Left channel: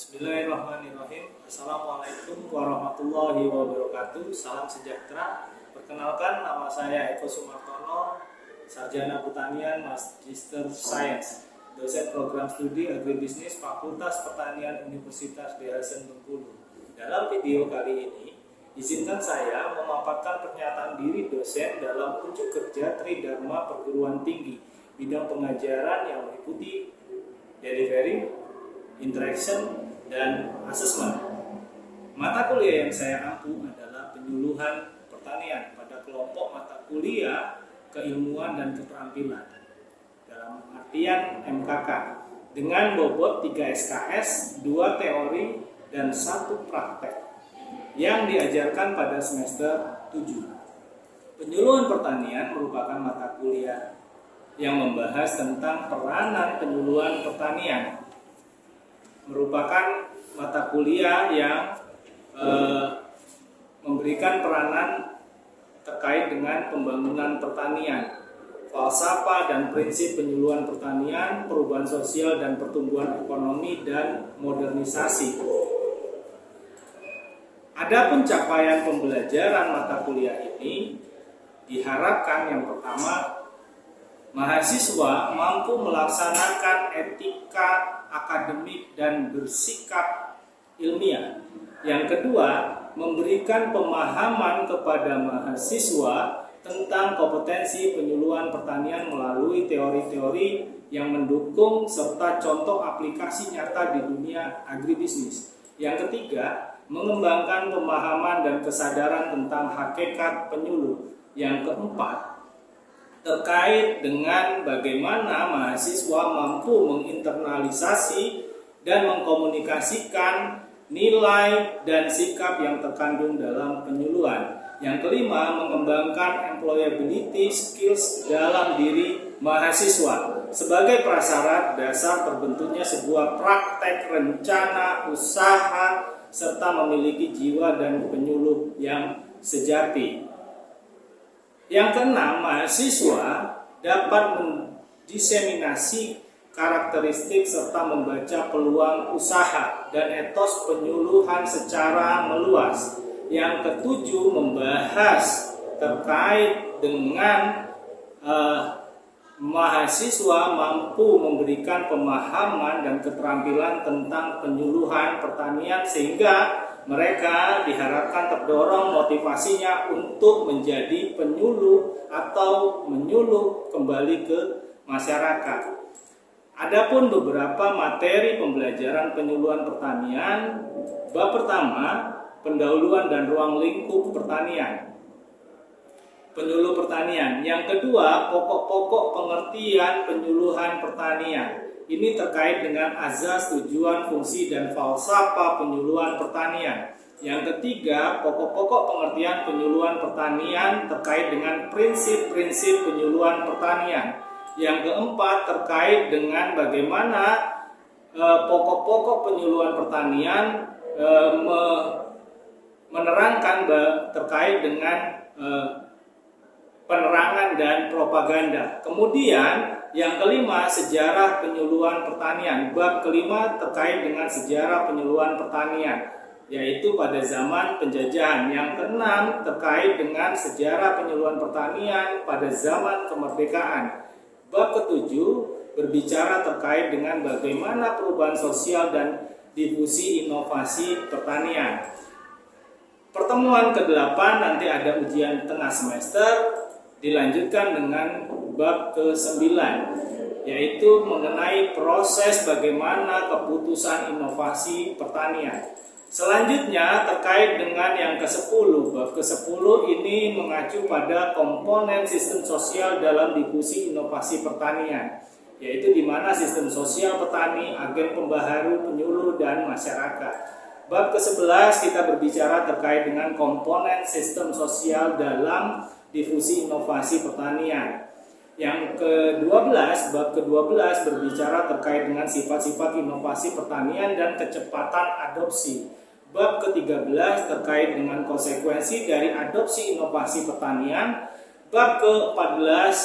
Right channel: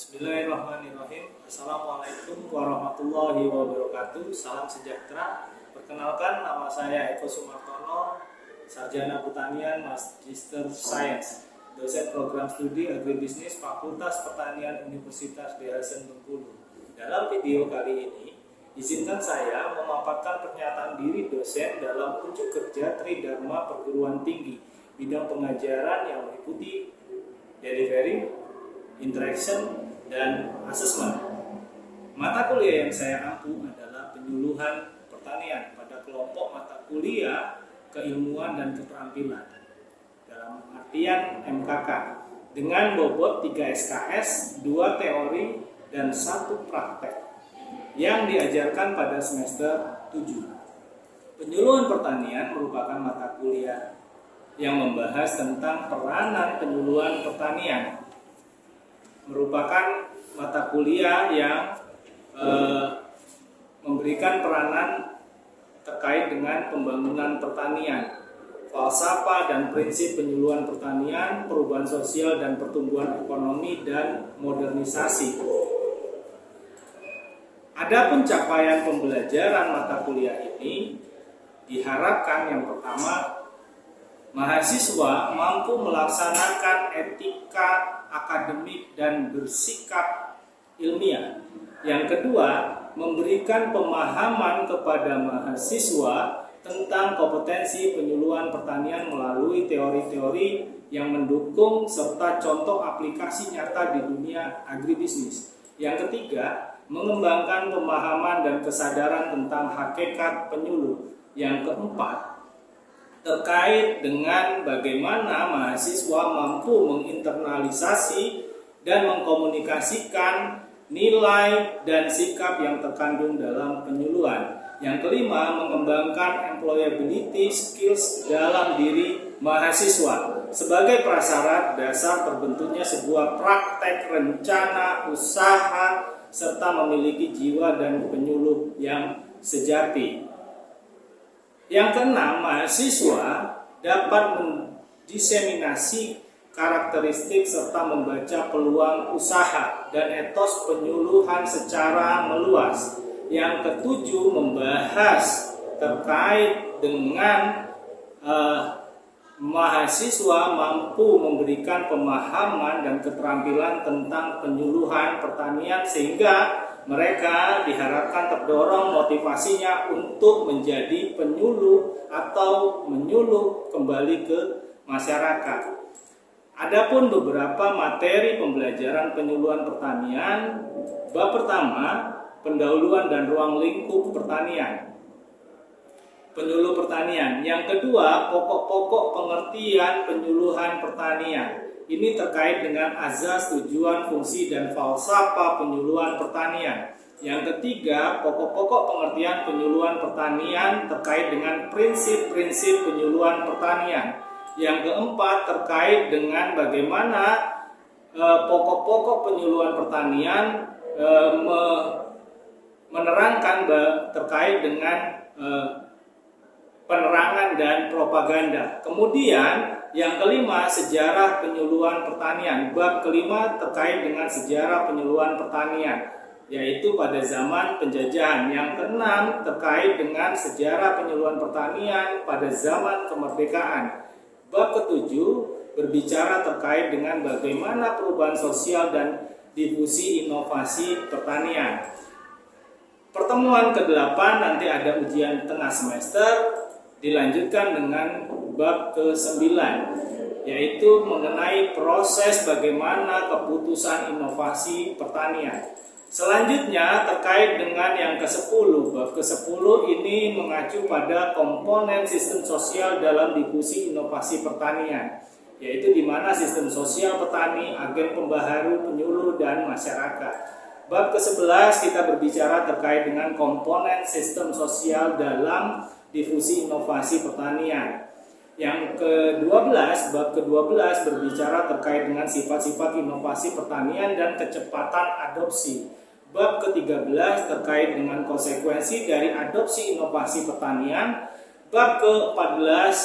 Bismillahirrahmanirrahim. Assalamualaikum warahmatullahi wabarakatuh. Salam sejahtera. Perkenalkan, nama saya Eko Sumartono, Sarjana Pertanian Magister Science, dosen program studi agribisnis Fakultas Pertanian Universitas Dwi Hasan Bengkulu. Dalam video kali ini, izinkan saya memaparkan pernyataan diri dosen dalam unjuk kerja Tridharma Perguruan Tinggi bidang pengajaran yang meliputi delivery, interaction, dan asesmen. Mata kuliah yang saya ampu adalah penyuluhan pertanian pada kelompok mata kuliah keilmuan dan keterampilan dalam artian MKK dengan bobot 3 SKS, 2 teori, dan 1 praktek yang diajarkan pada semester 7. Penyuluhan pertanian merupakan mata kuliah yang membahas tentang peranan penyuluhan pertanian, merupakan mata kuliah yang memberikan peranan terkait dengan pembangunan pertanian, falsafah dan prinsip penyuluhan pertanian, perubahan sosial dan pertumbuhan ekonomi, dan modernisasi. Adapun capaian pembelajaran mata kuliah ini diharapkan yang pertama, mahasiswa mampu melaksanakan etika akademik dan bersikap ilmiah. Yang kedua, memberikan pemahaman kepada mahasiswa tentang kompetensi penyuluhan pertanian melalui teori-teori yang mendukung serta contoh aplikasi nyata di dunia agribisnis. Yang ketiga, mengembangkan pemahaman dan kesadaran tentang hakikat penyuluh. Yang keempat, terkait dengan bagaimana mahasiswa mampu menginternalisasi dan mengkomunikasikan nilai dan sikap yang terkandung dalam penyuluhan. Yang kelima, mengembangkan employability skills dalam diri mahasiswa sebagai prasyarat dasar terbentuknya sebuah praktek rencana usaha serta memiliki jiwa dan penyuluh yang sejati. Yang keenam, mahasiswa dapat mendiseminasi karakteristik serta membaca peluang usaha dan etos penyuluhan secara meluas. Yang ketujuh, membahas terkait dengan mahasiswa mampu memberikan pemahaman dan keterampilan tentang penyuluhan pertanian sehingga mereka diharapkan terdorong motivasinya untuk menjadi penyuluh atau menyuluh kembali ke masyarakat. Adapun beberapa materi pembelajaran penyuluhan pertanian, bab pertama, pendahuluan dan ruang lingkup pertanian. Penyuluh pertanian. Yang kedua, pokok-pokok pengertian penyuluhan pertanian. Ini terkait dengan azas, tujuan, fungsi, dan falsafah penyuluhan pertanian. Yang ketiga, pokok-pokok pengertian penyuluhan pertanian terkait dengan prinsip-prinsip penyuluhan pertanian. Yang keempat, terkait dengan bagaimana pokok-pokok penyuluhan pertanian menerangkan terkait dengan penerangan dan propaganda. Kemudian yang kelima, sejarah penyuluhan pertanian. Bab kelima terkait dengan sejarah penyuluhan pertanian, yaitu pada zaman penjajahan. Yang keenam terkait dengan sejarah penyuluhan pertanian pada zaman kemerdekaan. Bab ketujuh berbicara terkait dengan bagaimana perubahan sosial dan difusi inovasi pertanian. Pertemuan ke-8 nanti ada ujian tengah semester, dilanjutkan dengan bab ke-9, yaitu mengenai proses bagaimana keputusan inovasi pertanian. Selanjutnya terkait dengan yang ke-10, bab ke-10 ini mengacu pada komponen sistem sosial dalam difusi inovasi pertanian, yaitu di mana sistem sosial petani, agen pembaharu, penyuluh, dan masyarakat. Bab ke-11 kita berbicara terkait dengan komponen sistem sosial dalam difusi inovasi pertanian. Yang ke-12, bab ke-12 berbicara terkait dengan sifat-sifat inovasi pertanian dan kecepatan adopsi. Bab ke-13 terkait dengan konsekuensi dari adopsi inovasi pertanian. Bab ke-14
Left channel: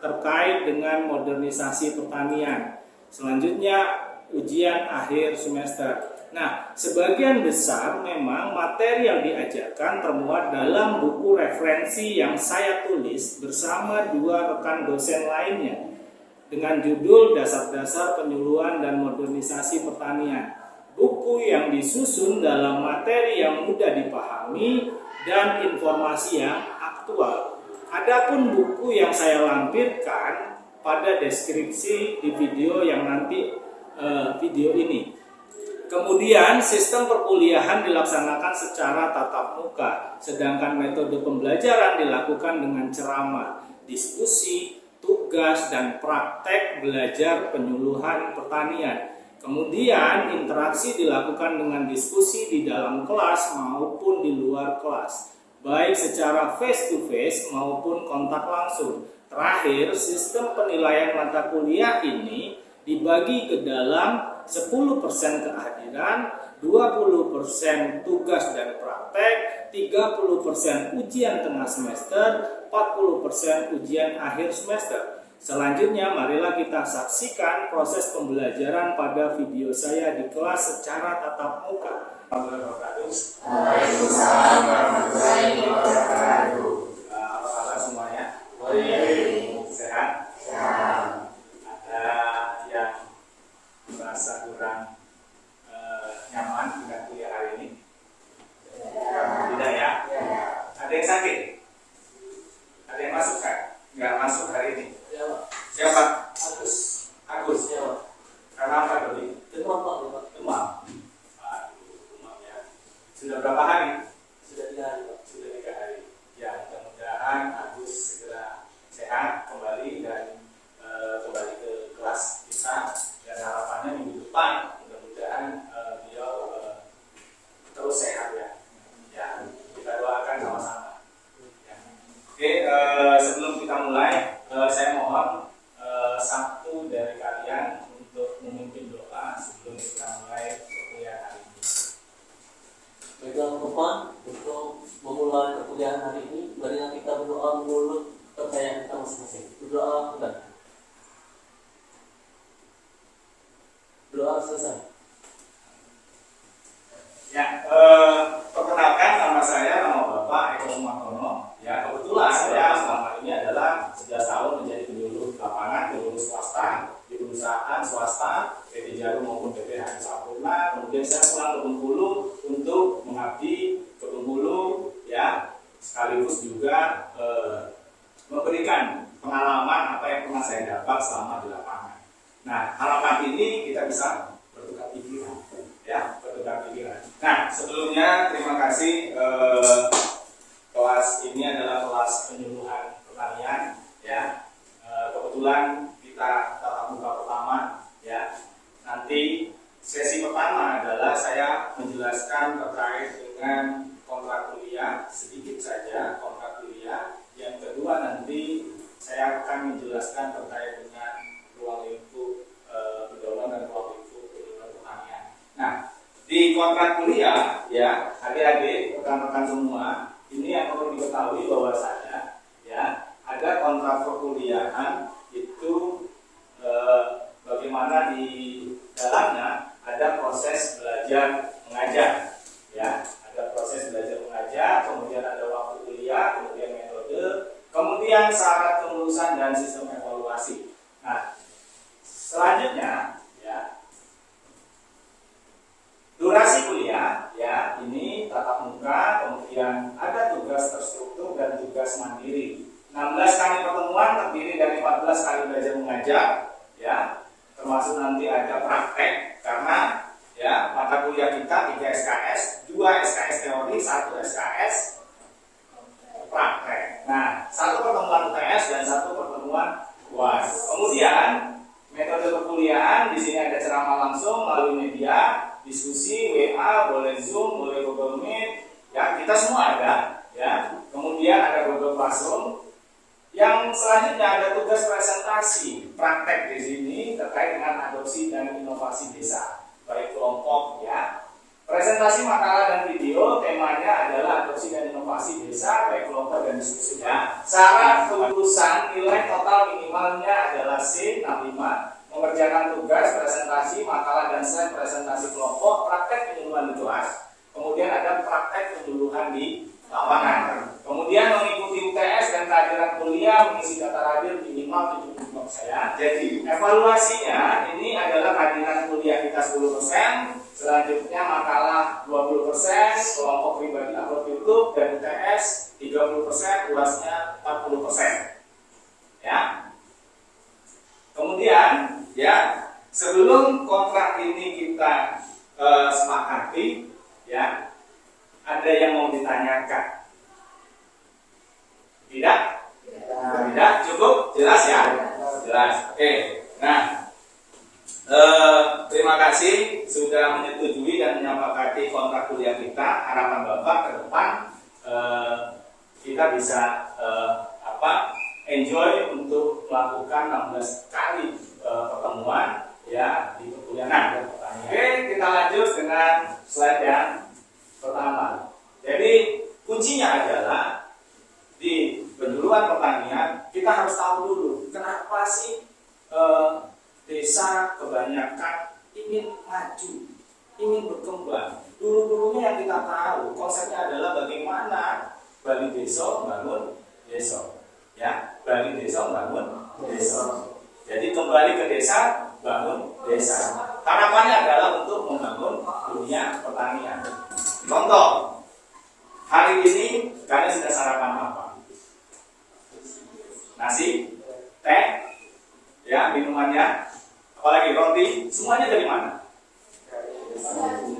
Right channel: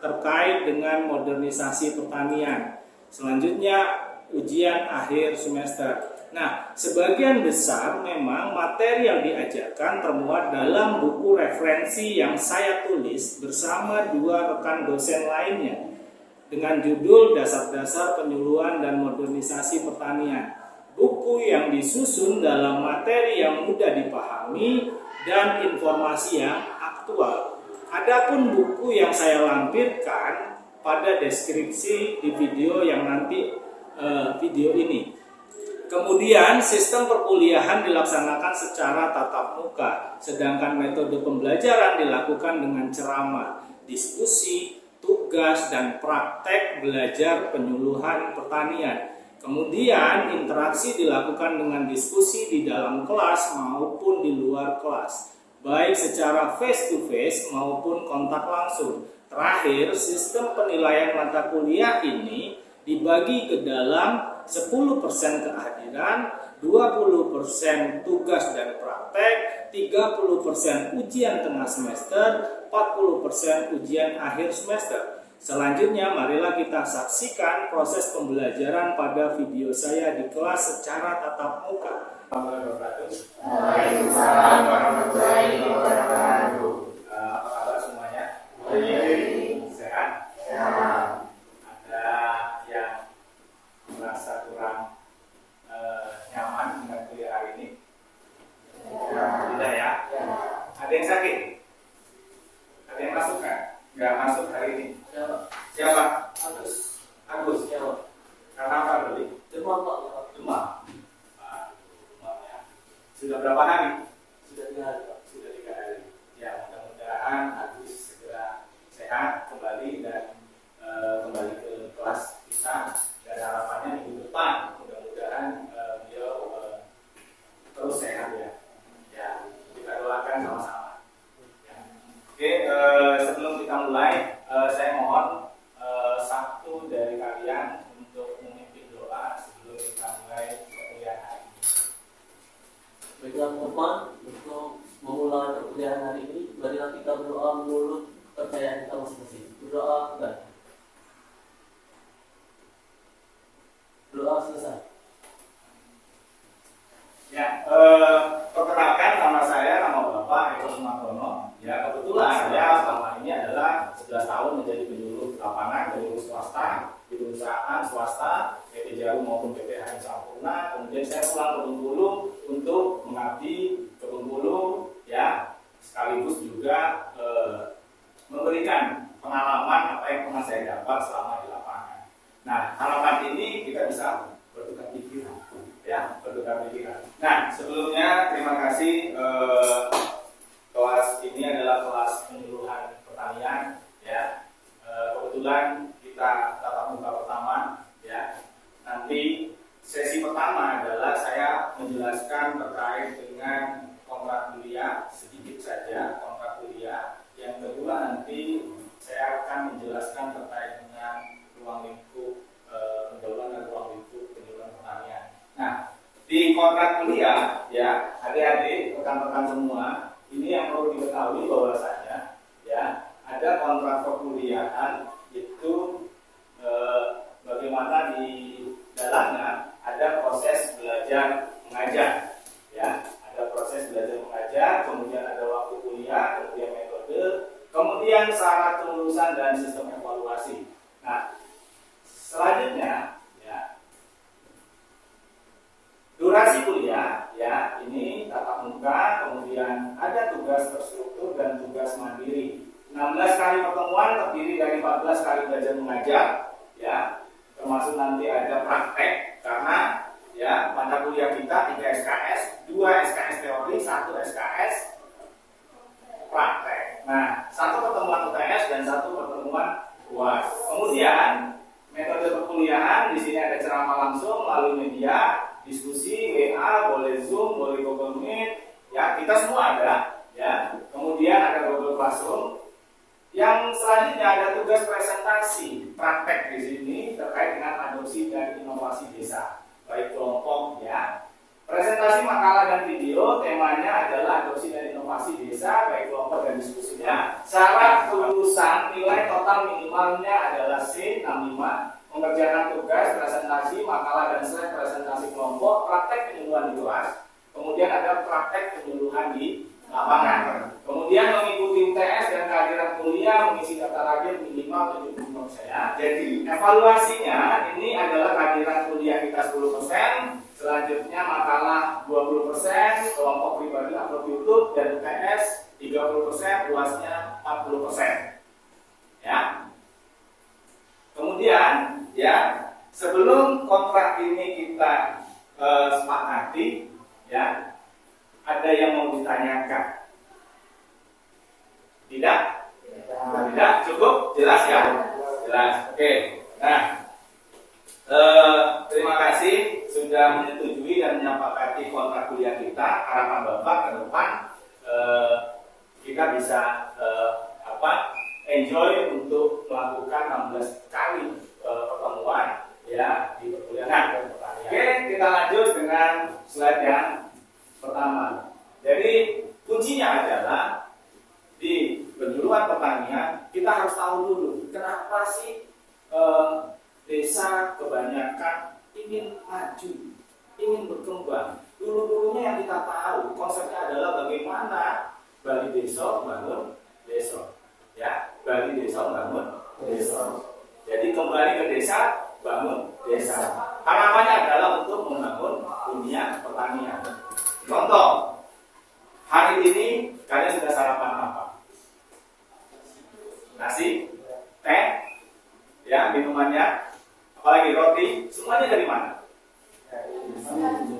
terkait dengan modernisasi pertanian. Selanjutnya ujian akhir semester. Nah, sebagian besar memang materi yang diajarkan termuat dalam buku referensi yang saya tulis bersama 2 rekan dosen lainnya dengan judul Dasar-dasar Penyuluhan dan Modernisasi Pertanian. Buku yang disusun dalam materi yang mudah dipahami dan informasi yang aktual. Adapun buku yang saya lampirkan pada deskripsi di video yang nanti video ini. Kemudian sistem perkuliahan dilaksanakan secara tatap muka, sedangkan metode pembelajaran dilakukan dengan ceramah, diskusi, tugas, dan praktek belajar penyuluhan pertanian. Kemudian interaksi dilakukan dengan diskusi di dalam kelas maupun di luar kelas, baik secara face to face maupun kontak langsung. Terakhir, sistem penilaian mata kuliah ini dibagi ke dalam 10% kehadiran, 20% tugas dan praktek, 30% ujian tengah semester, 40% ujian akhir semester. Selanjutnya marilah kita saksikan proses pembelajaran pada video saya di kelas secara tatap muka. Waalaikumsalam warahmatullahi wabarakatuh. Apa kabar semuanya? Baik. Sehat? Sehat. Ada yang merasa kurang nyaman dengan kuliah hari ini? Tidak ya? Ada yang sakit? Ada yang masuk kan? Nggak masuk hari ini? Siapa? Agus. Agus. Karena apa tadi? Demam Pak. Demam. Demam ya. Sudah berapa hari? Sudah 3 hari Pak. Sudah 3 hari. Ya, mudah-mudahan Agus segera sehat kembali dan kembali ke kelas kita. Dan harapannya minggu depan mudah-mudahan beliau terus sehat ya. Ya, kita doakan sama-sama. Ya. Oke, sebelum kita mulai, saya mohon satu dari kalian untuk memimpin doa sebelum kita mulai perkuliahan hari ini. Baiklah teman-teman, untuk memulai perkuliahan hari ini, marilah kita berdoa menurut kepercayaan kita masing-masing. Berdoa enggak? Doa selesai. Ya, perkenalkan nama saya, nama Bapak Eko Sumartono. Ya, kebetulan saya selama ini adalah 11 tahun menjadi penyuluh lapangan, penyuluh swasta di perusahaan swasta PT Jarum maupun PT Hari Sampurna. Kemudian saya pulang ke Bengkulu untuk mengabdi ke Bengkulu, ya, sekaligus juga memberikan pengalaman apa yang pernah saya dapat selama di lapangan. Nah, harapan ini kita bisa bertukar pikiran, ya, bertukar pikiran. Nah, sebelumnya terima kasih. Kelas ini adalah kelas penyuluhan pertanian, ya. Kebetulan kita tatap muka pertama, ya. Nanti sesi pertama adalah saya menjelaskan terkait dengan kontrak kuliah, sedikit saja kontrak kuliah. Yang kedua nanti saya akan menjelaskan terkait dengan ruang lingkup pendahuluan dan ruang lingkup penyuluhan pertanian. Nah, di kontrak kuliah, ya, adik-adik, rekan-rekan semua, ini yang perlu diketahui bahwasanya, ya, ada kontrak perkuliahan itu bagaimana di dalamnya ada proses belajar mengajar, ya, ada proses belajar mengajar, kemudian ada waktu kuliah, kemudian metode, kemudian syarat kelulusan dan sistem evaluasi. Nah, selanjutnya, ya, durasi kuliah, ya, ini tatap muka, kemudian ada tugas terstruktur dan tugas mandiri. 16 kali pertemuan terdiri dari 14 kali belajar mengajar, ya, termasuk nanti ada praktek karena, ya, mata kuliah kita 3 SKS, 2 SKS teori, 1 SKS praktek. Nah, 1 pertemuan UTS dan 1 pertemuan UAS. Kemudian metode perkuliahan di sini ada ceramah langsung melalui media, diskusi, WA, boleh Zoom, boleh Google Meet, ya, kita semua ada, ya. Kemudian ada Google Classroom. Yang selanjutnya ada tugas presentasi praktek di sini terkait dengan adopsi dan inovasi desa, baik kelompok, ya. Presentasi makalah dan video temanya adalah adopsi dan inovasi desa, baik kelompok dan diskusinya. Syarat kelulusan nilai total minimalnya adalah C65, mengerjakan mengerjakan tugas, presentasi, makalah dan slide presentasi kelompok, praktek penyuluhan di kelas, kemudian ada praktek penyuluhan di lapangan. Kemudian mengikuti UTS dan kehadiran kuliah, mengisi data hadir minimal 75%. Jadi evaluasinya ini adalah kehadiran kuliah kita 10%, selanjutnya makalah 20%, kelompok pribadi upload YouTube, dan UTS 30%, UASnya 40%. Ya. Kemudian ya, sebelum kontrak ini kita sepakati, ya, ada yang mau ditanyakan? Tidak? Tidak? Cukup? Jelas ya? Jelas. Oke. Nah, terima kasih sudah menyetujui dan menyepakati kontrak kuliah kita. Harapan Bapak ke depan kita bisa enjoy untuk melakukan 16 kali pertemuan ya di perkuliahan. Oke, kita lanjut dengan slide yang pertama. Jadi kuncinya adalah di penyuluhan pertanian kita harus tahu dulu kenapa sih desa kebanyakan ingin maju, ingin berkembang. Dulu-dulunya yang kita tahu konsepnya adalah bagaimana Bali Desa bangun desa. Ya, Bali Desa bangun desa. Jadi kembali ke desa, bangun desa. Harapannya adalah untuk membangun dunia pertanian. Contoh, hari ini kalian sudah sarapan apa? Nasi, teh, ya minumannya, apalagi roti, semuanya dari mana?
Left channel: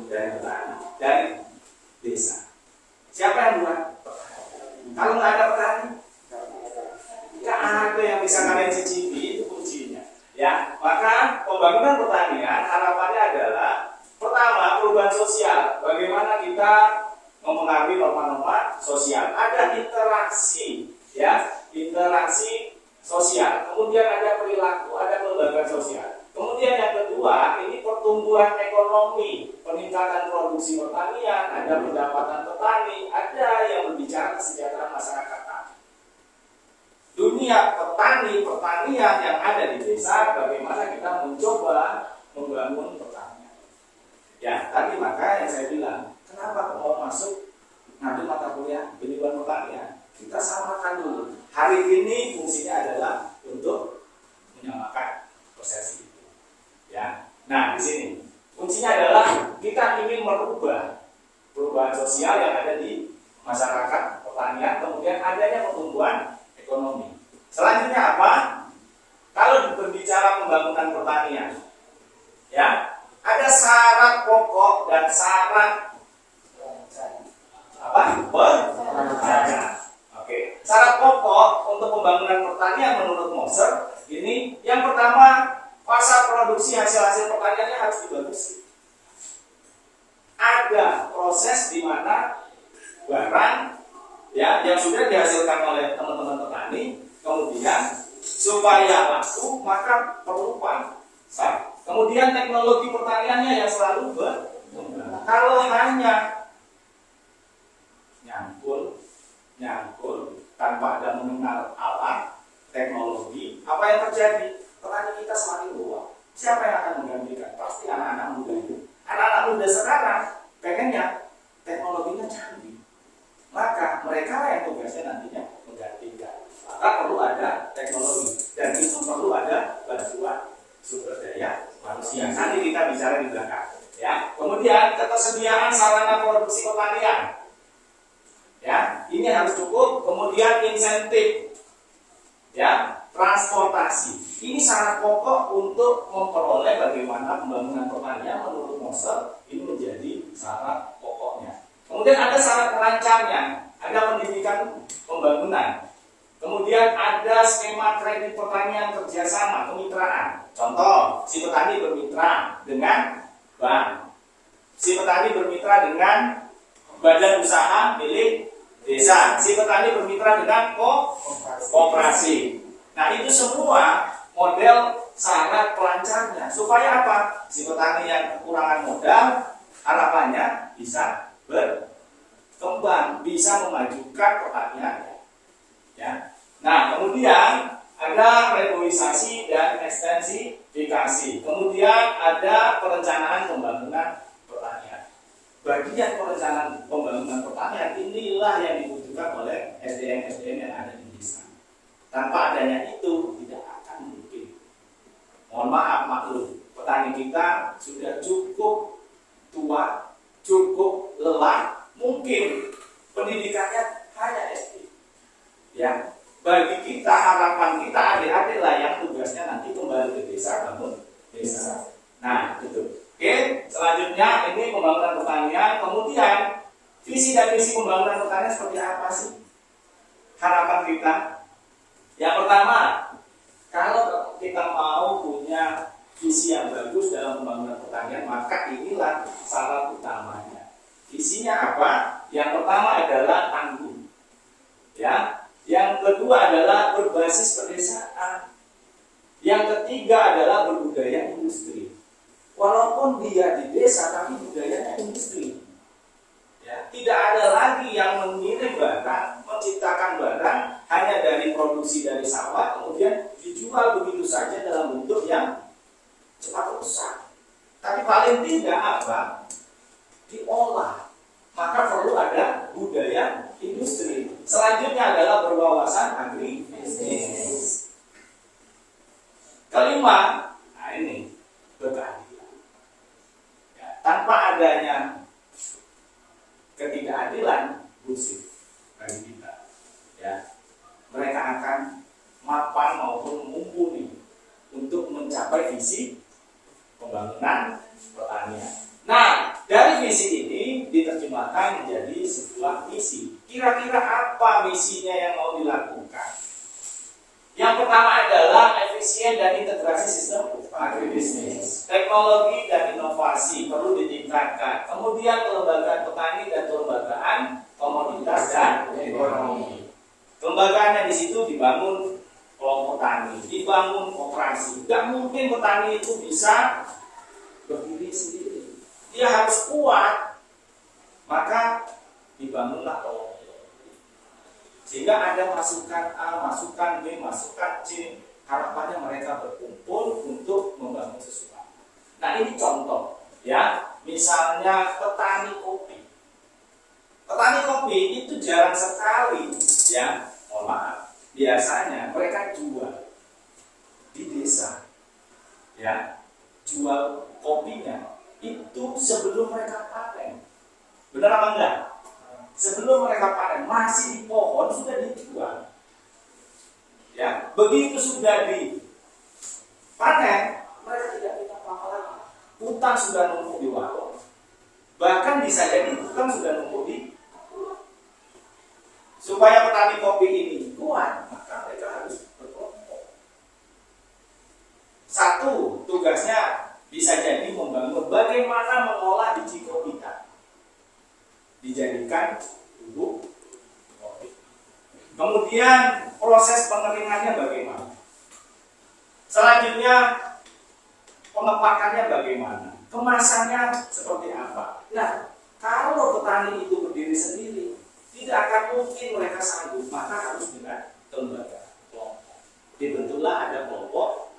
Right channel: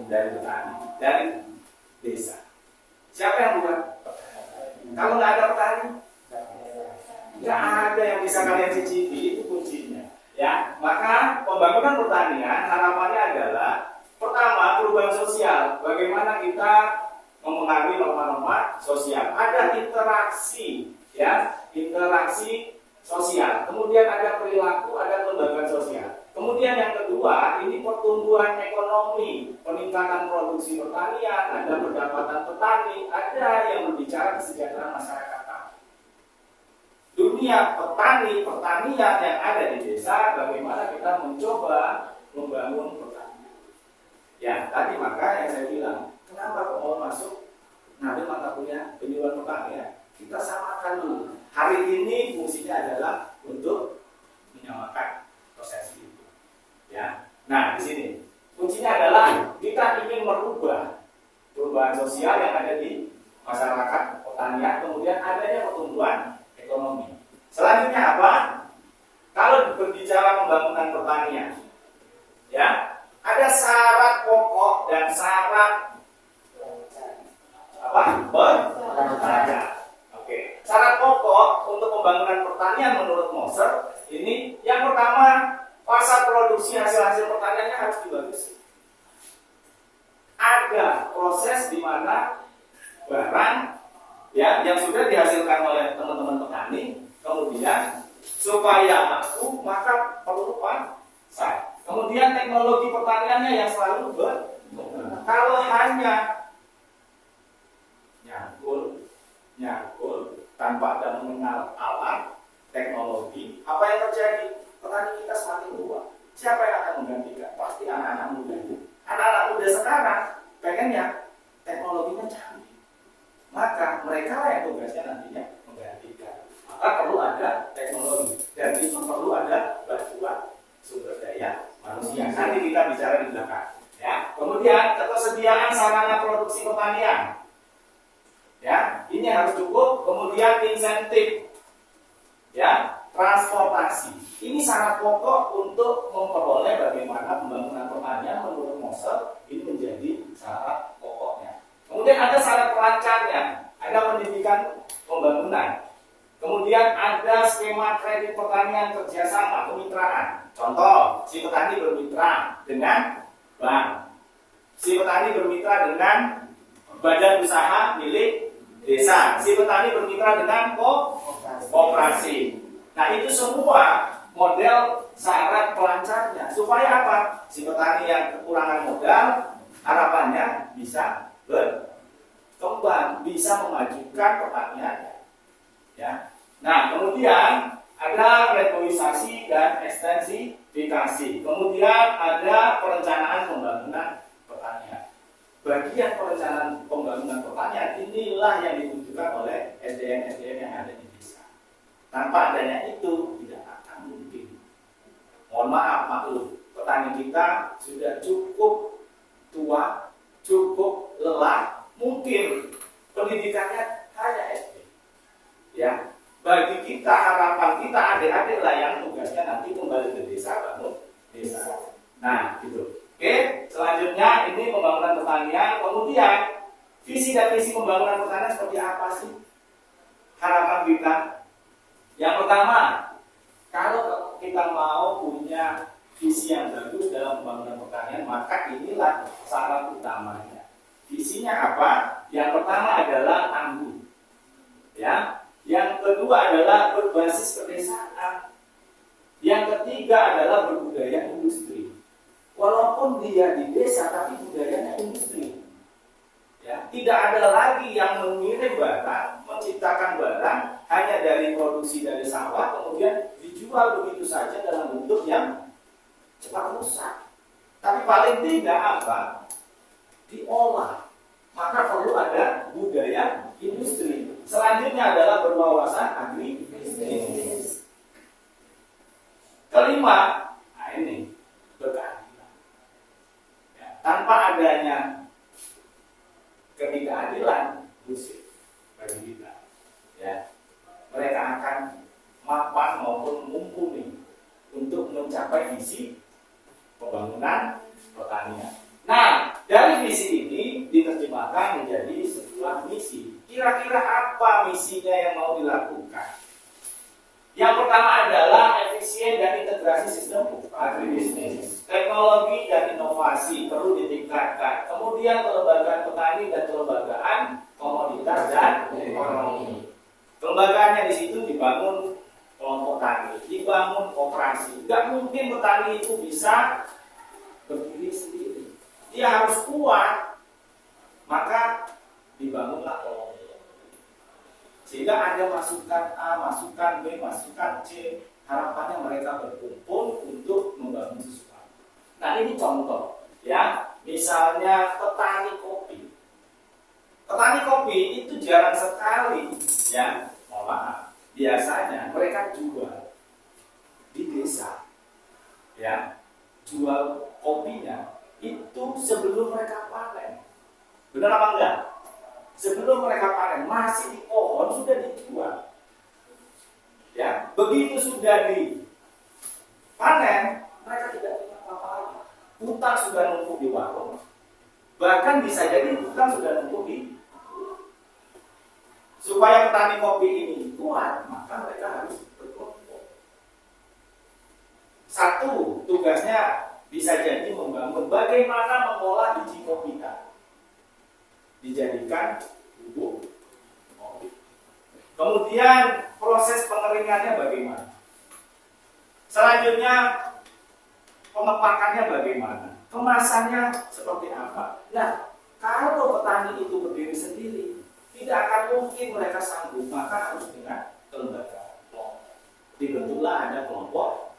Dari petani, dari desa. Siapa yang buat? Kalau nggak ada petani, nggak ada yang bisa kalian cicipi, itu kuncinya. Ya, maka pembangunan pertanian harapannya adalah pertama perubahan sosial. Bagaimana kita mempengaruhi norma-norma sosial? Ada interaksi, ya, interaksi sosial. Kemudian ada perilaku, ada kelembagaan sosial. Kemudian yang kedua, ini pertumbuhan ekonomi, peningkatan produksi pertanian, ada pendapatan petani, ada yang berbicara kesejahteraan masyarakat. Dunia pertanian yang ada di desa, bagaimana kita mencoba membangun pertanian. Ya, tadi maka yang saya bilang, kenapa mau masuk ngambil mata kuliah penyuluhan pertanian? Kita samakan dulu. Hari ini fungsinya adalah untuk menyamakan proses itu. Ya. Nah, di sini kuncinya adalah kita ingin merubah perubahan sosial yang ada di masyarakat pertanian, kemudian adanya pertumbuhan ekonomi. Selanjutnya apa? Kalau berbicara pembangunan pertanian, ya, ada syarat pokok dan syarat apa? Bersaja. Oke. Syarat pokok untuk pembangunan pertanian menurut Moser ini yang pertama, pasar produksi hasil pertaniannya harus dibatasi. Ada proses di mana barang ya yang sudah dihasilkan oleh teman-teman petani, kemudian supaya laku maka perlu pasar. Kemudian teknologi pertaniannya yang selalu berkembang. Kalau hanya nyangkul tanpa ada mengenal alat teknologi, apa yang terjadi? Petani kita semakin tua. Siapa yang akan menggantikan? Pasti anak-anak muda. Anak-anak muda sekarang pengennya teknologinya canggih. Maka mereka yang tugasnya nantinya menggantikan. Maka perlu ada teknologi dan itu perlu ada bantuan sumber daya manusia. Nanti kita bicara di belakang. Ya. Kemudian ketersediaan sarana produksi pertanian. Ya, ini harus cukup. Kemudian insentif. Ya, transportasi. Ini syarat pokok untuk memperoleh bagaimana pembangunan pertanian menurut Moser ini menjadi syarat pokoknya. Kemudian ada syarat pelancarnya, ada pendidikan pembangunan. Kemudian ada skema kredit pertanian kerjasama, kemitraan. Contoh, si petani bermitra dengan bank. Si petani bermitra dengan badan usaha milik desa. Si petani bermitra dengan koperasi. Nah, itu semua model syarat pelancarnya. Supaya apa? Si petani yang kekurangan modal, harapannya bisa berkembang, bisa memajukan pertanian. Ya. Nah, kemudian ada reboisasi dan ekstensi Kemudian ada perencanaan pembangunan pertanian. Bagian perencanaan pembangunan pertanian inilah yang dibutuhkan oleh SDM-SDM yang ada di desa. Tanpa adanya itu tidak akan mungkin. Mohon maaf, maklum, petani kita sudah cukup tua, cukup lelah, mungkin pendidikannya hanya SD. Ya, bagi kita, harapan kita adik-adik lah yang tugasnya nanti kembali ke desa, bangun desa. Nah, gitu. Oke, selanjutnya ini pembangunan pertanian. Kemudian visi dan misi pembangunan pertanian seperti apa sih? Harapan kita. Yang pertama, kalau kita mau punya visi yang bagus dalam pembangunan pertanian, maka inilah syarat utamanya. Visinya apa? Yang pertama adalah tangguh. Ya. Yang kedua adalah berbasis pedesaan. Yang ketiga adalah berbudaya industri. Walaupun dia di desa, tapi budayanya industri. Ya, tidak ada lagi yang mengirim barang, menciptakan barang hanya dari produksi dari sawah, kemudian dijual begitu saja dalam bentuk yang cepat rusak. Tapi paling tidak apa? Diolah. Maka perlu ada budaya industri. Selanjutnya adalah berwawasan agribisnis. Kelima, nah ini berkeadilan. Ya, tanpa adanya ketidakadilan, bullshit bagi kita. Ya, mereka akan mapan maupun mumpuni untuk mencapai visi pembangunan pertanian. Nah, dari visi ini diterjemahkan menjadi sebuah misi. Kira-kira apa misinya yang mau dilakukan? Yang pertama adalah efisien dan integrasi sistem agribisnis. Teknologi dan inovasi perlu ditingkatkan. Kemudian kelembagaan petani dan kelembagaan komoditas dan ekonomi. Kelembagaannya di situ dibangun kelompok tani, dibangun koperasi. Gak mungkin petani itu bisa berdiri sendiri. Dia harus kuat, maka dibangunlah kelompok. Sehingga ada masukan A, masukan B, masukan C. Harapannya mereka berkumpul untuk membangun sesuatu. Nah ini contoh, ya. Misalnya petani kopi. Petani kopi itu jarang sekali, ya. Mohon maaf. Biasanya mereka jual di desa, ya. Jual kopinya itu sebelum mereka panen. Benar apa enggak? Sebelum mereka panen, masih di pohon sudah dijual. Ya, begitu sudah dipanen, mereka tidak punya apa-apa lagi. Utang sudah numpuk di warung. Bahkan bisa jadi utang sudah numpuk di. Supaya petani kopi ini kuat, maka mereka harus berkelompok. Satu, tugasnya bisa jadi membangun bagaimana mengolah biji kopi kita dijadikan bubuk kopi. Kemudian proses pengeringannya bagaimana? Selanjutnya pengepakannya bagaimana? Kemasannya seperti apa? Nah, kalau petani itu berdiri sendiri, tidak akan mungkin mereka sanggup, maka harus dengan kelembagaan kelompok. Dibentuklah ada kelompok,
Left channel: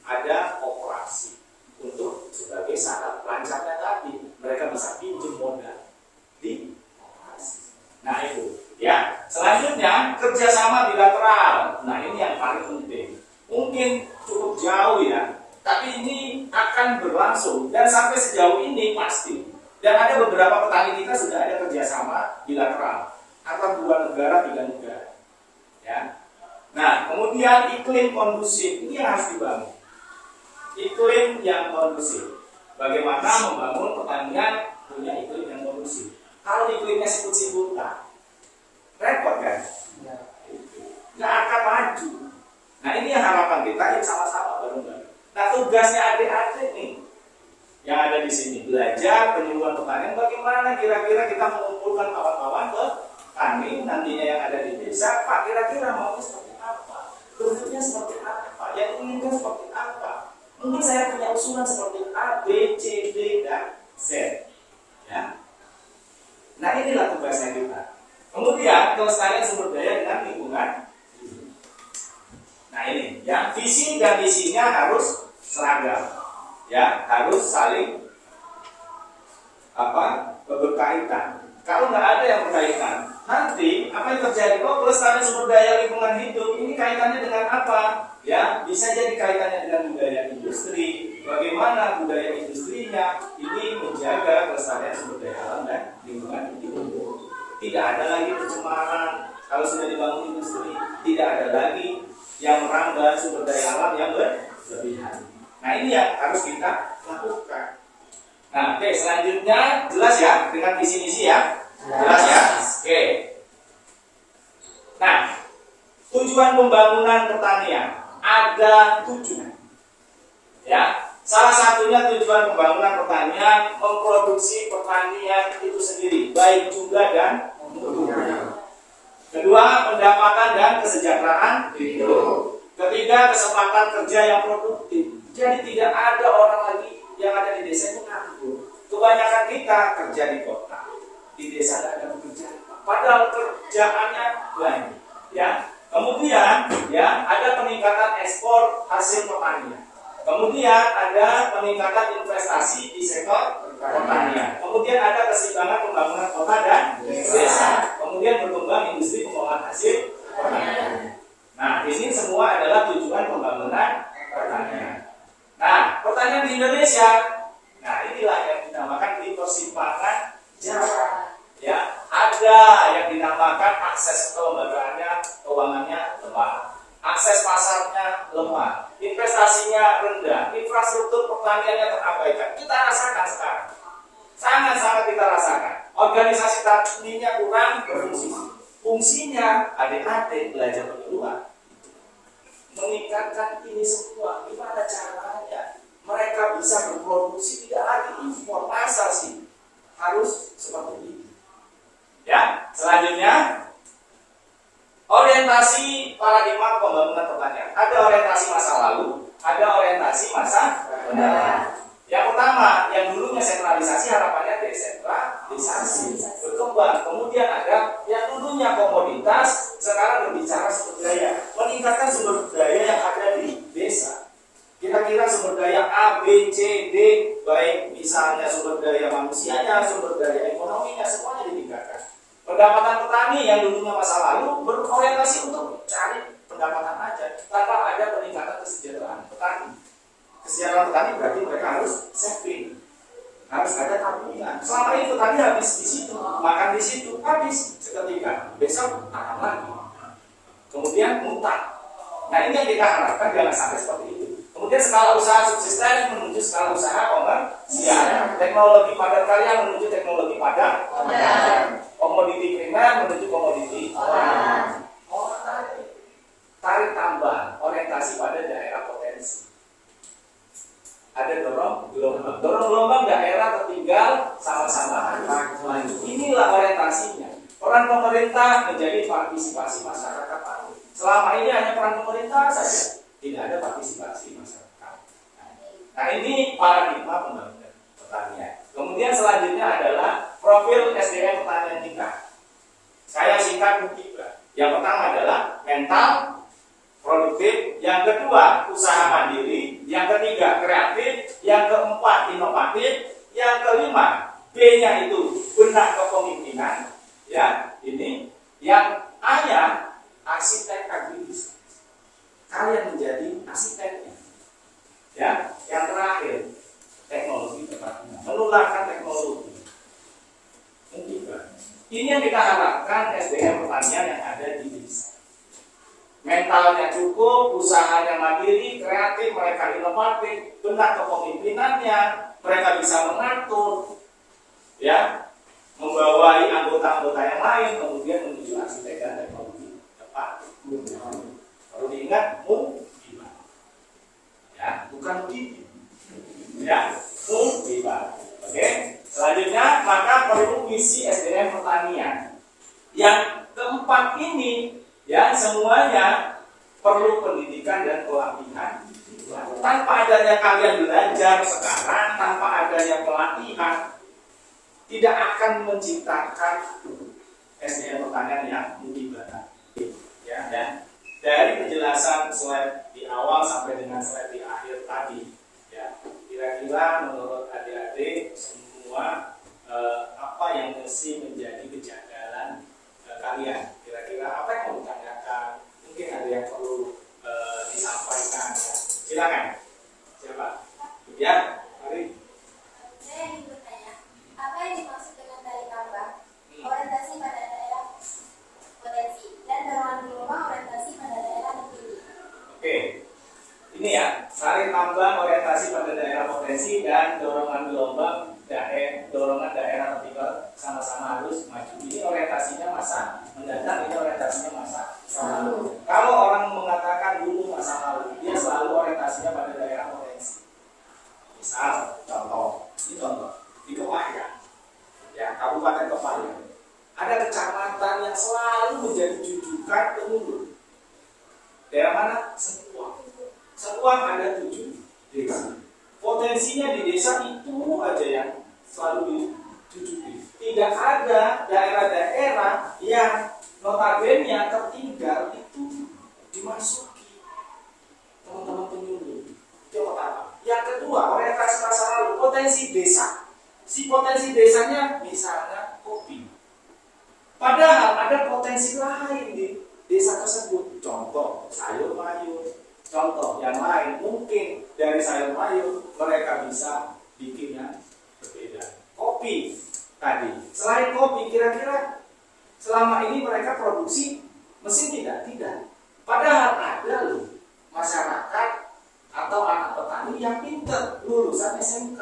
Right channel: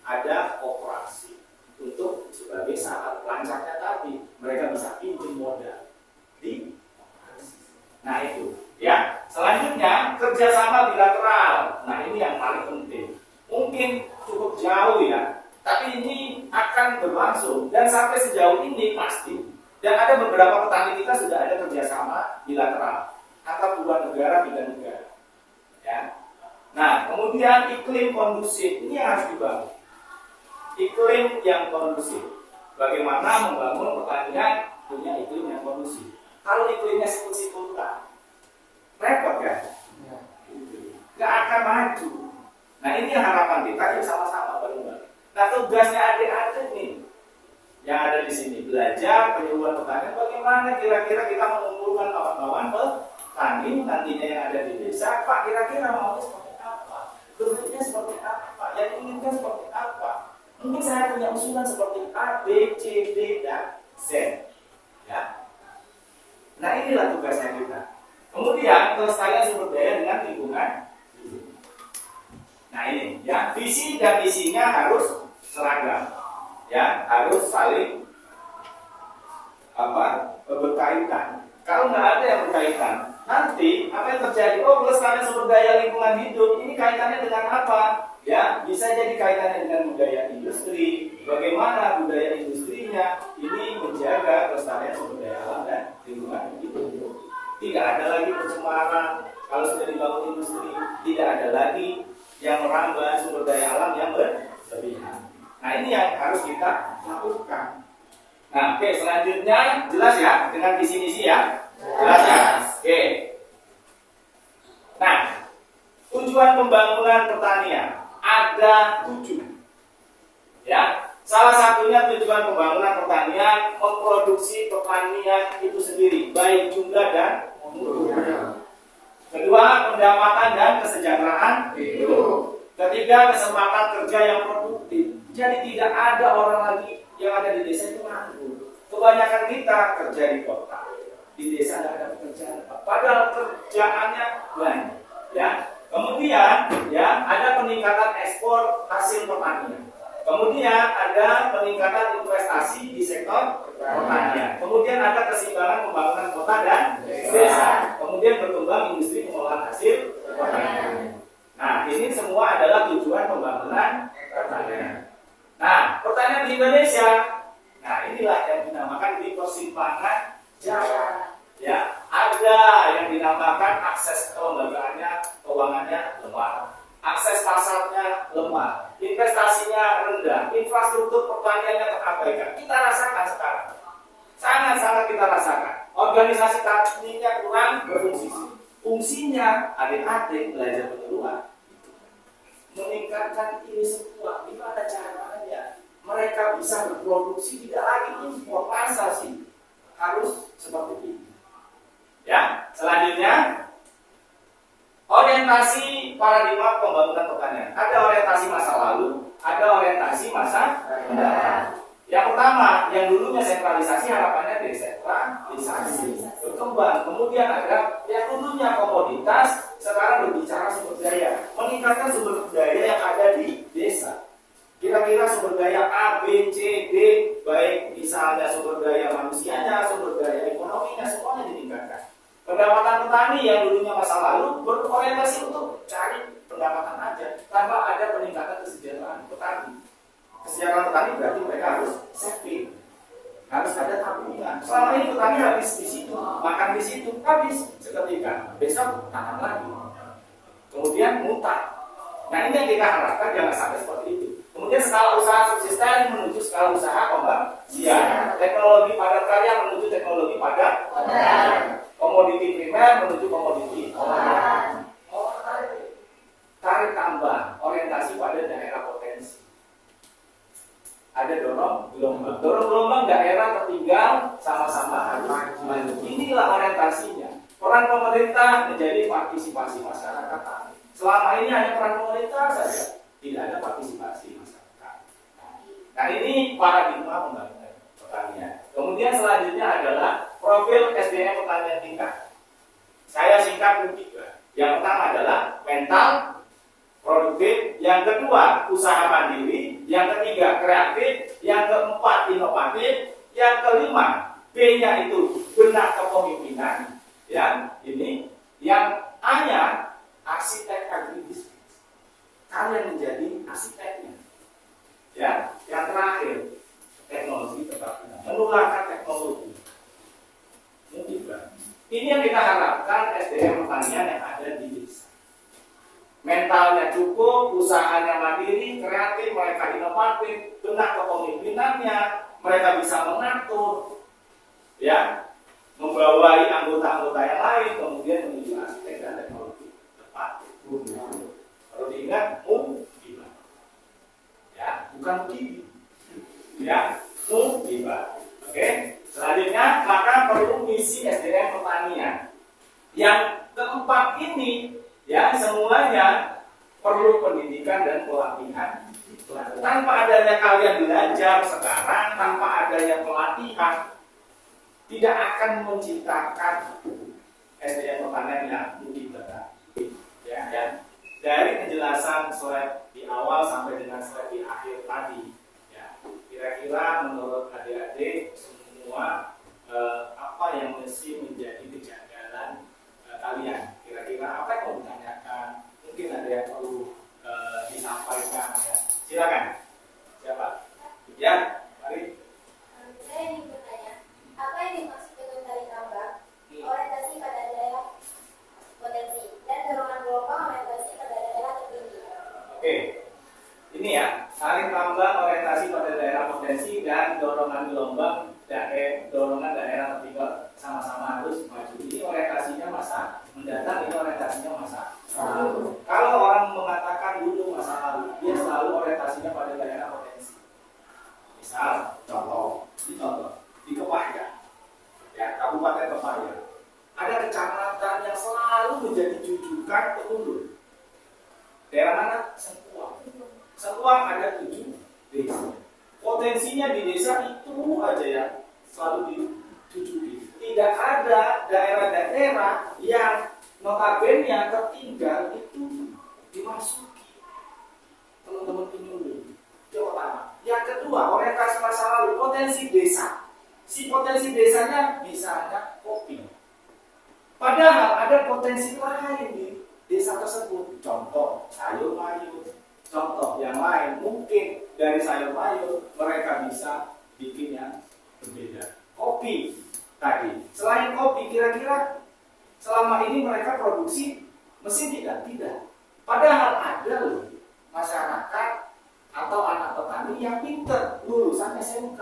ada koperasi. Untuk sebagai syarat lancarnya tadi mereka bisa pinjam modal di koperasi. Nah itu, ya. Selanjutnya kerjasama bilateral. Nah ini yang paling penting. Mungkin cukup jauh ya, tapi ini akan berlangsung dan sampai sejauh ini pasti. Dan ada beberapa petani kita sudah ada kerjasama bilateral antara 2 negara, 3 negara. Ya. Nah kemudian iklim kondusif ini yang harus dibangun. Iklim yang kondusif. Bagaimana membangun pertanian punya iklim yang kondusif? Kalau iklimnya siput-siputan, repot kan? Gak akan maju. Nah ini yang harapan kita, yang sama-sama bareng-bareng. Nah tugasnya adik-adik nih yang ada di sini, belajar penyuluhan pertanian. Bagaimana kira-kira kita mengumpulkan kawan-kawan petani nantinya yang ada di desa. Pak kira-kira maunya seperti apa? Bentuknya seperti apa? Yang diinginkan seperti apa? Mungkin saya punya usulan seperti A, B, C, D, dan Z. Ya. Nah inilah tugasnya kita. Kemudian kelestarian sumber daya dengan lingkungan. Nah ini, ya visi dan misinya harus seragam. Ya, harus saling berkaitan. Kalau nggak ada yang berkaitan, nanti apa yang terjadi? Oh, pelestarian sumber daya lingkungan hidup ini kaitannya dengan apa? Ya, bisa jadi kaitannya dengan budaya industri. Bagaimana budaya industrinya ini menjaga kelestarian sumber daya alam dan lingkungan hidup. Tidak ada lagi pencemaran. Kalau sudah dibangun industri, tidak ada lagi yang merambah sumber daya alam yang berlebihan. Nah, ini yang harus kita lakukan. Nah, oke, selanjutnya jelas ya dengan visi misi ya? Jelas ya? Oke. Nah, tujuan pembangunan pertanian ada 7. Ya, salah satunya tujuan pembangunan pertanian memproduksi pertanian itu sendiri, baik jumlah dan mutu. Kedua, pendapatan dan kesejahteraan hidup. Ketiga, kesempatan kerja yang produktif. Jadi tidak ada orang lagi yang ada di desa itu nganggur. Kebanyakan kita kerja di kota, di desa tidak ada pekerjaan, padahal kerjaannya banyak. Ya, kemudian ya ada peningkatan ekspor hasil pertanian. Kemudian ada peningkatan investasi di sektor pertanian. Kemudian ada keseimbangan pembangunan kota dan desa. Kemudian berkembang industri pengolahan hasil pertanian. Nah, ini semua adalah tujuan pembangunan pertanian. Nah, pertanian di Indonesia, nah inilah yang dinamakan di persimpangan jalan. Ya, ada yang dinamakan akses kelembagaannya, keuangannya lemah, akses pasarnya lemah, investasinya rendah, infrastruktur pertaniannya terabaikan. Kita rasakan sekarang, sangat-sangat kita rasakan. Organisasi taninya kurang berfungsi. Fungsinya adik-adik belajar penyuluhan, meningkatkan ini semua. Gimana caranya mereka bisa berproduksi tidak lagi impor? Masa sih harus seperti ini? Ya, selanjutnya orientasi paradigma pembangunan pertanian. Ada orientasi masa lalu, ada orientasi masa mendatang. Yang pertama, yang dulunya sentralisasi harapannya desentralisasi, berkembang. Kemudian ada yang dulunya komoditas, sekarang berbicara sumber daya, meningkatkan sumber daya yang ada di desa. Kira-kira sumber daya A, B, C, D, baik misalnya sumber daya manusianya, sumber daya ekonominya, semuanya ditingkatkan. Pendapatan petani yang dulunya masa lalu berorientasi untuk cari pendapatan aja, tanpa ada peningkatan kesejahteraan petani. Kesejahteraan petani berarti mereka harus saving, harus ada tabungan. Selama ini petani habis di situ, makan di situ, habis seketika, besok tanam lagi, kemudian mutak. Nah, ini yang kita harapkan jangan sampai seperti itu. Kemudian skala usaha subsisten menuju skala usaha komersial, teknologi padat karya menuju teknologi padat, komoditi primer menuju komoditi tarik tambah, orientasi pada daerah potensi. Ada dorong gelombang daerah tertinggal sama-sama maju. Inilah orientasinya. Peran pemerintah menjadi partisipasi masyarakat. Selama ini hanya peran pemerintah saja, tidak ada partisipasi masyarakat. Nah, ini paradigma pembangunan pertanian. Kemudian selanjutnya adalah profil SDM pertanian kita. Saya singkat mungkin. Yang pertama adalah mental, produktif, yang kedua usaha mandiri, yang ketiga kreatif, yang keempat inovatif, yang kelima B-nya itu benak kepemimpinan, ya ini, yang A-nya arsitek agribisnis. Kalian menjadi arsiteknya, ya. Yang terakhir teknologi keterampilan, menularkan teknologi. Yang ketiga, ini yang kita harapkan SDM pertanian yang ada di desa. Mentalnya cukup, usahanya mandiri, kreatif, mereka inovatif, benak kepemimpinannya, mereka bisa mengatur, ya, membawai anggota-anggota yang lain, kemudian menuju arsitek dan teknologi tepat. Perlu diingat, ya, bukan gigi, ya, Oke. Selanjutnya, maka perlu visi SDM pertanian. Yang keempat ini, ya, semuanya perlu pendidikan dan pelatihan. Tanpa adanya kalian belajar sekarang, tanpa adanya pelatihan, tidak akan menciptakan SDM pertanian yang mutlak. Ya, dan dari penjelasan slide di awal sampai dengan slide di akhir tadi, Kira-kira menurut adik-adik semua apa yang mesti menjadi kejanggalan kalian? Kira-kira apa yang mau ditanyakan? Mungkin ada yang perlu disampaikan ya. Silakan. Siapa? Ya, mari. Saya ingin bertanya, apa yang dimaksud dengan tali tambang? Orientasi pada daerah potensi dan dorongan gelombang orientasi pada daerah tertinggi. Oke, ini ya, tarik tambang orientasi pada daerah potensi dan dorongan gelombang dorongan daerah tertinggal sama-sama harus maju. Ini orientasinya masa mendatang, ini orientasinya masa lalu. Kalau orang mengatakan dulu masa lalu, dia selalu orientasinya pada daerah potensi. Misal, ini contoh di Kepahyang, ya Kabupaten Kepahyang, ada kecamatan yang selalu menjadi jujukan penghulu. Daerah mana? Sengkuang. Sengkuang ada 7 desa. Potensinya di desa itu aja yang selalu dijujuki. Tidak ada daerah-daerah yang notabene tertinggal itu dimasuki teman-teman penyuluh. Itu yang pertama. Yang kedua, orientasi masa lalu, potensi desa. Si potensi desanya misalnya kopi. Padahal ada potensi lain di desa tersebut. Contoh sayur mayur. Contoh yang lain, mungkin dari sayur mayur mereka bisa bikin yang berbeda. Kopi tadi. Selain kopi, kira-kira selama ini mereka produksi mesin tidak? Tidak. Padahal ada loh masyarakat atau anak petani yang pintar, lulusan SMK,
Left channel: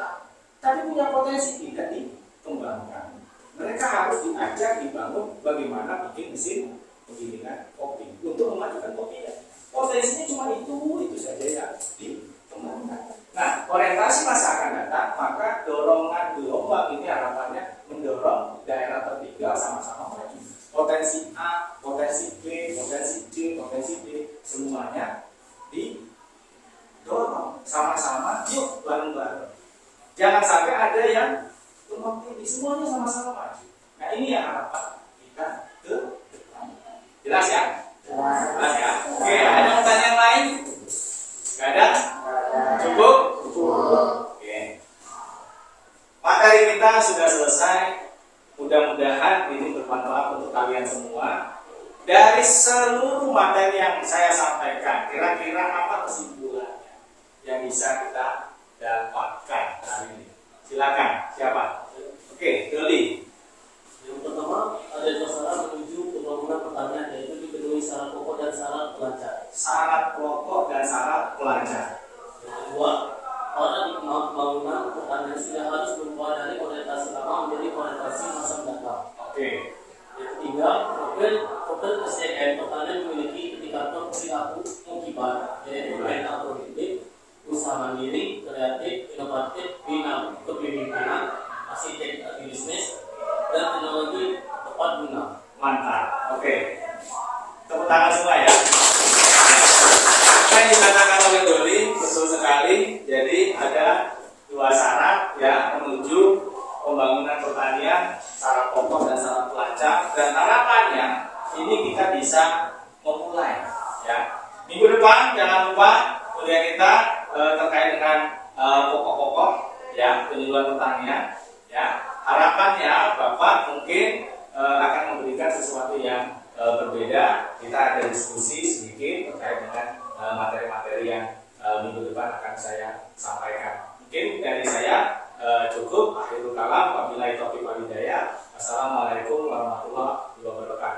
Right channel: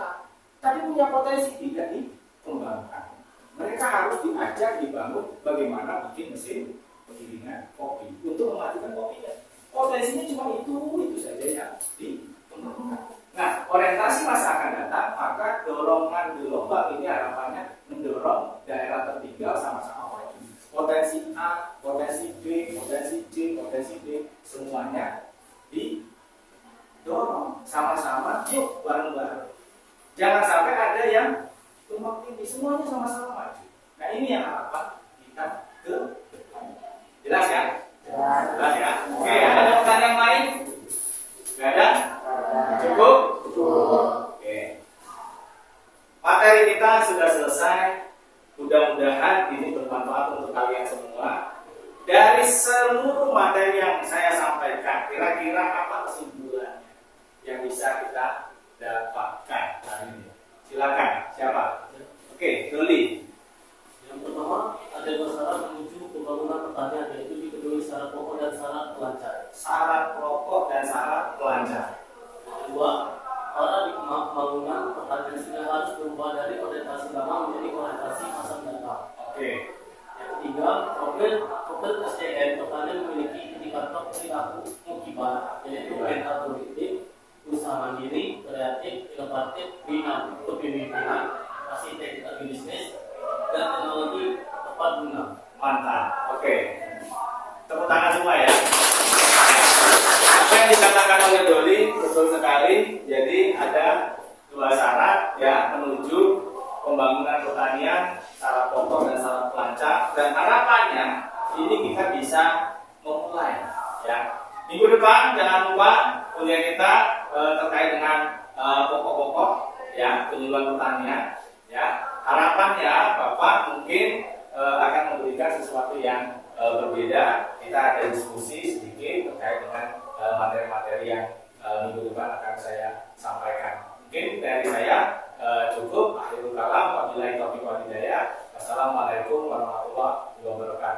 tapi punya potensi tidak dikembangkan. Mereka harus diajak, dibangun bagaimana bikin mesin penggilingan kopi untuk memajukan kopinya. Potensinya cuma itu saja yang dikembangkan. Nah, orientasi masa akan datang, maka dorongan gelombang ini harapannya mendorong daerah tertinggal sama-sama maju. Potensi A, potensi B, potensi C, potensi D, semuanya didorong sama-sama, yuk bareng-bareng. Jangan sampai ada yang tumpang tindih, semuanya sama-sama maju. Nah, ini yang harapan kita ke depan. Jelas ya? Jelas ya? Oke, ada pertanyaan lain? Gak ada? Cukup? Oke. Materi kita sudah selesai. Mudah-mudahan ini bermanfaat untuk kalian semua. Dari seluruh materi yang saya sampaikan, kira-kira apa kesimpulannya yang bisa kita dapatkan hari ini? Silakan, siapa? Oke, Doli. Yang pertama, ada 2 syarat menuju pembangunan pertanian, yaitu dipenuhi syarat pokok dan syarat pelancar. Syarat pokok dan syarat pelancar. Yang kedua, para di pembangunan pertanian sudah harus berubah dari orientasi lama menjadi orientasi masa mendatang. Oke. Yang ketiga, profil SDM pertanian memiliki indikator perilaku mukiban, yaitu agrodiktif, usaha mandiri, kreatif, inovatif, kepemimpinan, arsitek agribisnis, dan teknologi tepat guna. Mantap. Oke. Tepuk tangan semua ya. Apa yang dikatakan oleh Doli betul sekali. Jadi ada 2 syarat ya menuju pembangunan pertanian, syarat pokok dan syarat pelancar. Dan harapannya ini kita bisa memulai ya. Minggu depan jangan lupa kuliah kita terkait dengan pokok-pokok ya penyuluhan pertanian ya. Harapannya Bapak mungkin akan memberikan sesuatu yang berbeda. Kita ada diskusi sedikit terkait dengan materi-materi yang minggu depan akan saya sampaikan. Mungkin dari saya cukup. Akhirul kalam, wabillahi taufiq wal hidayah. Wassalamualaikum warahmatullahi wabarakatuh.